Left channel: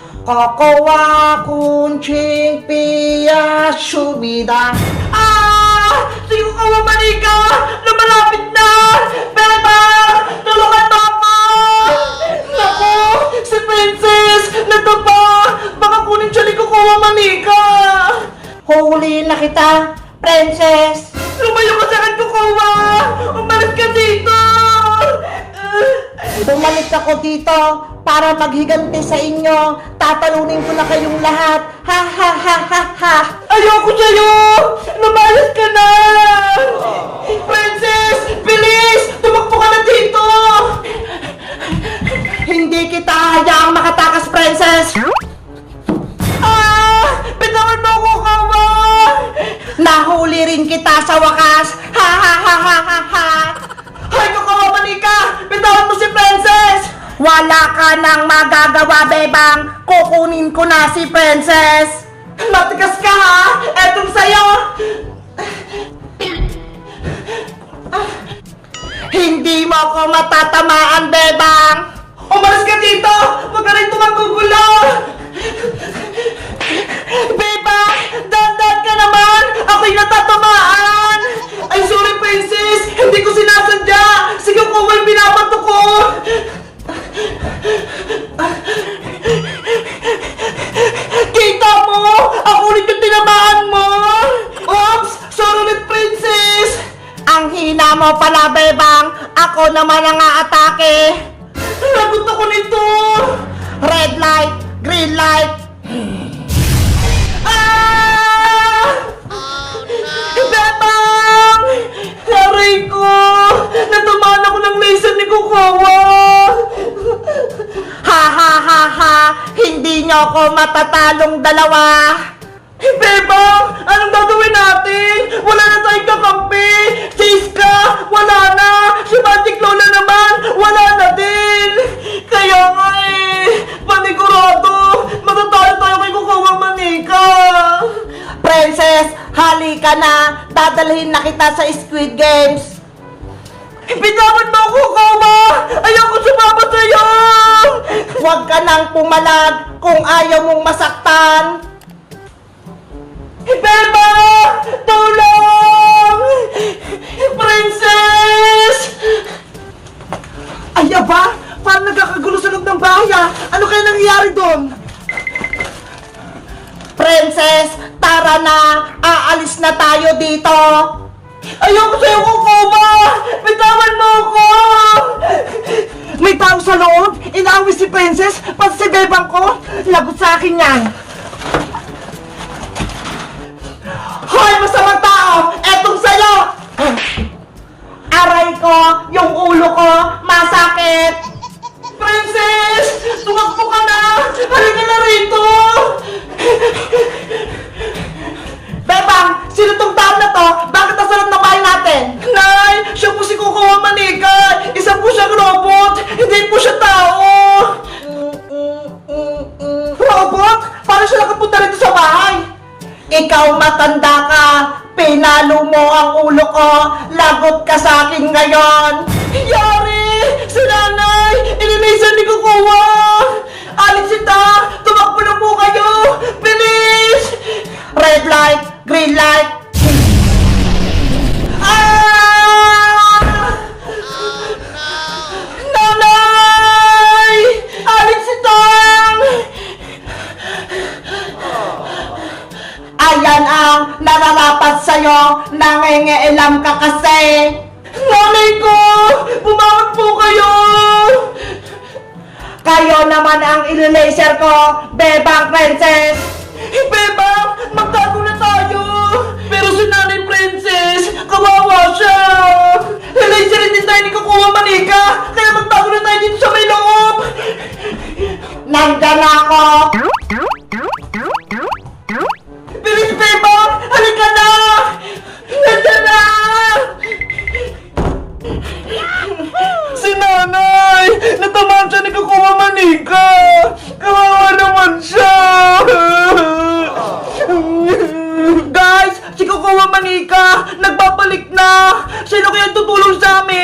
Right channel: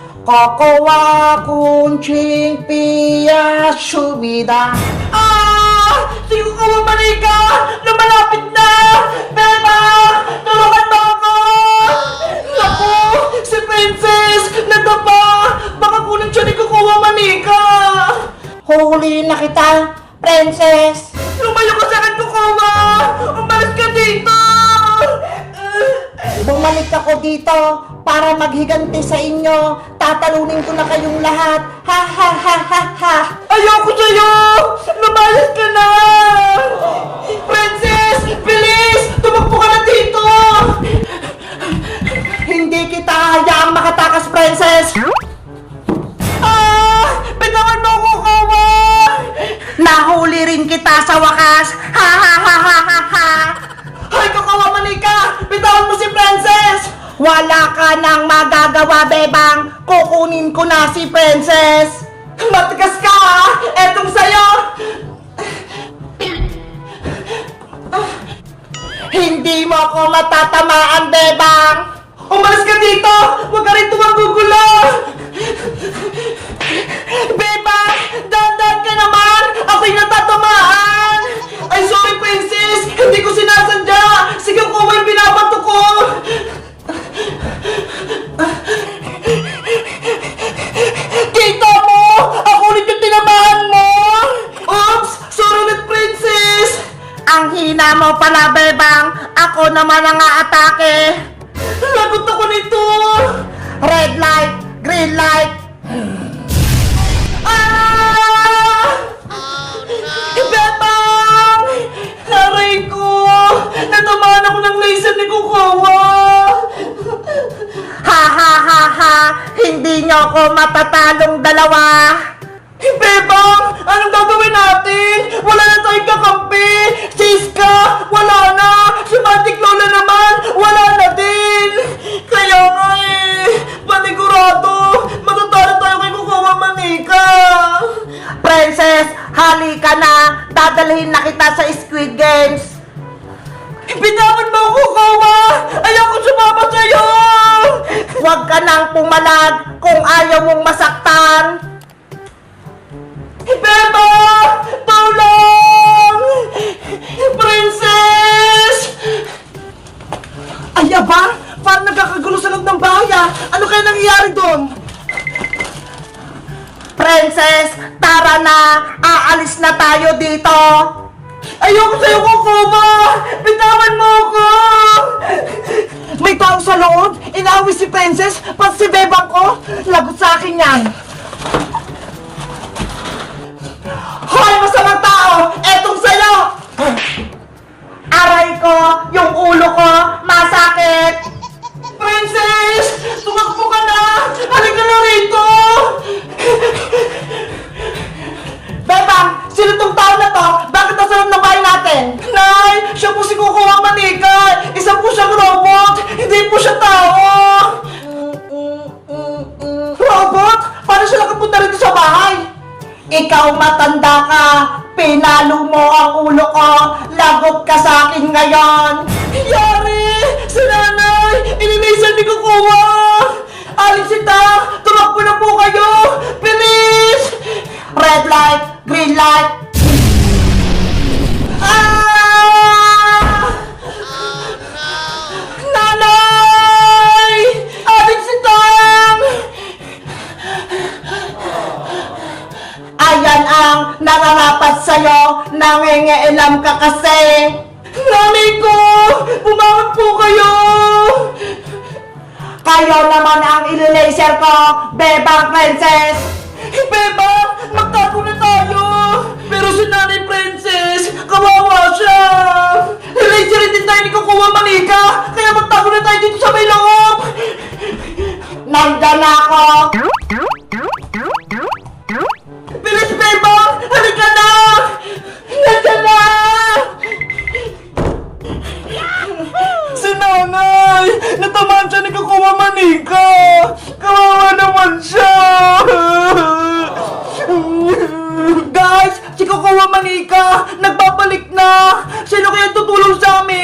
Kokowa kunching piya shumida. Ah! Sige ko manika! Lumalapit na! Beba! Tulungan mo ako! Naku! Si Princess! Nagtapa! Baka kunin siya ni Kukuha Manika! Huli na kita, Princess! Lumayo ka sa akin, Kukuha! Umalis ka dito! Bumalik ako dito para maghiganti sa inyo. Tatalunin ko na kayong lahat. Ha ha ha ha ha. Ayoko sa'yo! Lumayas ka na! Princess! Bilis! Tumakbo ka na dito! Hindi kita hayaang makatakas, Princess! Ah! Bitawan mo ako, Kawa! Nahuli rin kita sa wakas! Ha ha ha ha ha ha! Hay ko, Kawa Manika! Bitawan mo si Princess! Wala ka nang magagawa, Bebang! Kukunin ko na si Princess! Matigas ka, ha? Etong sa'yo! Hindi mo ako matatamaan, Bebang! Umalis ka dito! Huwag ka rin tumagugulo! Hina mo pala, Bebang! Ako naman ang aatake! Lagot ako nito! Red light! Green light! Ah! Bebang! Aray ko! Natamaan ako ng laser ni Kukawa! Ha ha ha ha! Hindi niyo ako matatalong dalawa! Dadalhin na kita sa Squid Games! Bitawan mo ako, Kawa! Ayoko sumama sa'yo! Huwag ka nang pumalag kung ayaw mong masaktan! Beba! Tulong! Princess! Ay, aba! Parang nagkakagulo sa loob ng bahay ah! Ano kaya nangyayari doon? Princess, tara na! Aalis na tayo dito! Ayoko sa'yo, Kukuma! Bitawan mo ako! May tao sa loob? Inaaway si Princess? Pati si Bebang ko? Lagot sa akin yan! Hoy, masamang tao! Etong sa'yo! Aray ko! Yung Ikaw matanda ka! Pinalo mo ang ulo ko! Lagot ka sa akin ngayon! Yari! Si nanay! Ininisan ni Kukuha! Alexita! Tumakbo na po kayo! Bilis! Red light! Green light! Sa'yo, nangingialam ka kasi. Nanay ko! Bumangon po kayo! Kayo naman ang ililaser ko, Bebang Princess! Bebang! Magtago na tayo! Pero si Nanay Princess, kawawa siya! Laser din tayo ni Kukuha Manika! Kaya magtago na tayo dito sa may loob! Nandyan na ako! Kaya tutulong sa